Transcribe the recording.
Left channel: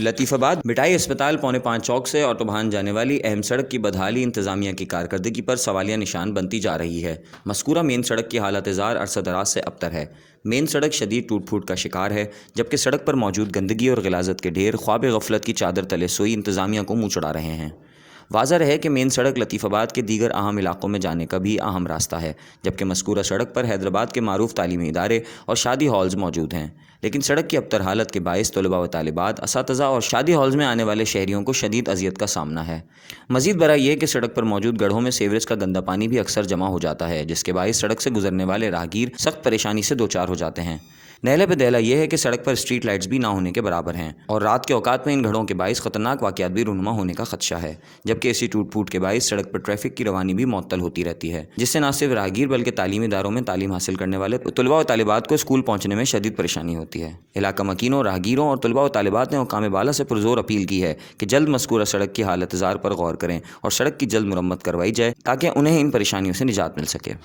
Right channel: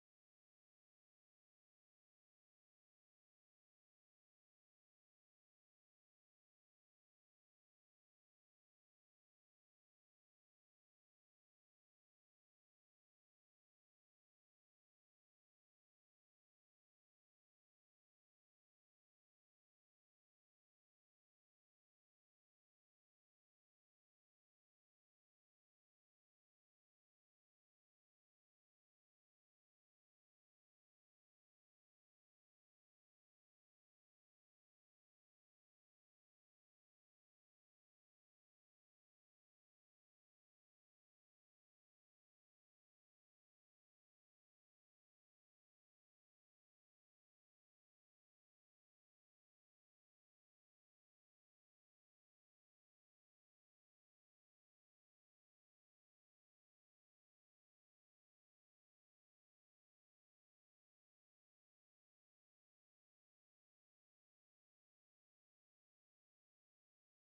لطیف آباد مٹائی اسپتال 4:45 چوک سے آٹوبان جانے والی اہم سڑک کی بدحالی انتظامیہ کی کارکردگی پر سوالیہ نشان بنتی جا رہی ہے۔ مذکورہ مین سڑک کی حالت زار عرصہ دراز سے ابتر ہے۔ مین سڑک شدید ٹوٹ پھوٹ کا شکار ہے، جبکہ سڑک پر موجود گندگی اور غلاظت کے ڈھیر خواب غفلت کی چادر تلے سوئی انتظامیہ کو منہ چڑھا رہے ہیں۔ واضح رہے کہ مین سڑک لطیف آباد کے دیگر اہم علاقوں میں جانے کا بھی اہم راستہ ہے، جبکہ مذکورہ سڑک پر حیدرآباد کے معروف تعلیمی ادارے اور شادی ہالز موجود ہیں، لیکن سڑک کی ابتر حالت کے باعث طلباء و طالبات، اساتذہ اور شادی ہالز میں آنے والے شہریوں کو شدید اذیت کا سامنا ہے۔ مزید برآں یہ کہ سڑک پر موجود گڑھوں میں سیوریج کا گندا پانی بھی اکثر جمع ہو جاتا ہے، جس کے باعث سڑک سے گزرنے والے راہگیر سخت پریشانی سے دوچار ہو جاتے ہیں۔ نہلے پہ دہلا یہ ہے کہ سڑک پر اسٹریٹ لائٹس بھی نہ ہونے کے برابر ہیں، اور رات کے اوقات میں ان گڑھوں کے باعث خطرناک واقعات بھی رونما ہونے کا خدشہ ہے، جبکہ اسی ٹوٹ پھوٹ کے باعث سڑک پر ٹریفک کی روانی بھی معطل ہوتی رہتی ہے، جس سے نہ صرف راہگیر بلکہ تعلیمی اداروں میں تعلیم حاصل کرنے والے طلباء و طالبات کو اسکول پہنچنے میں شدید پریشانی ہوتی ہے۔ علاقہ مکینوں، راہگیروں اور طلباء و طالبات نے حکام بالا سے پرزور اپیل کی ہے کہ جلد مذکورہ سڑک کی حالت زار پر غور کریں اور سڑک کی جلد مرمت کروائی جائے تاکہ انہیں ان پریشانیوں سے نجات مل سکے۔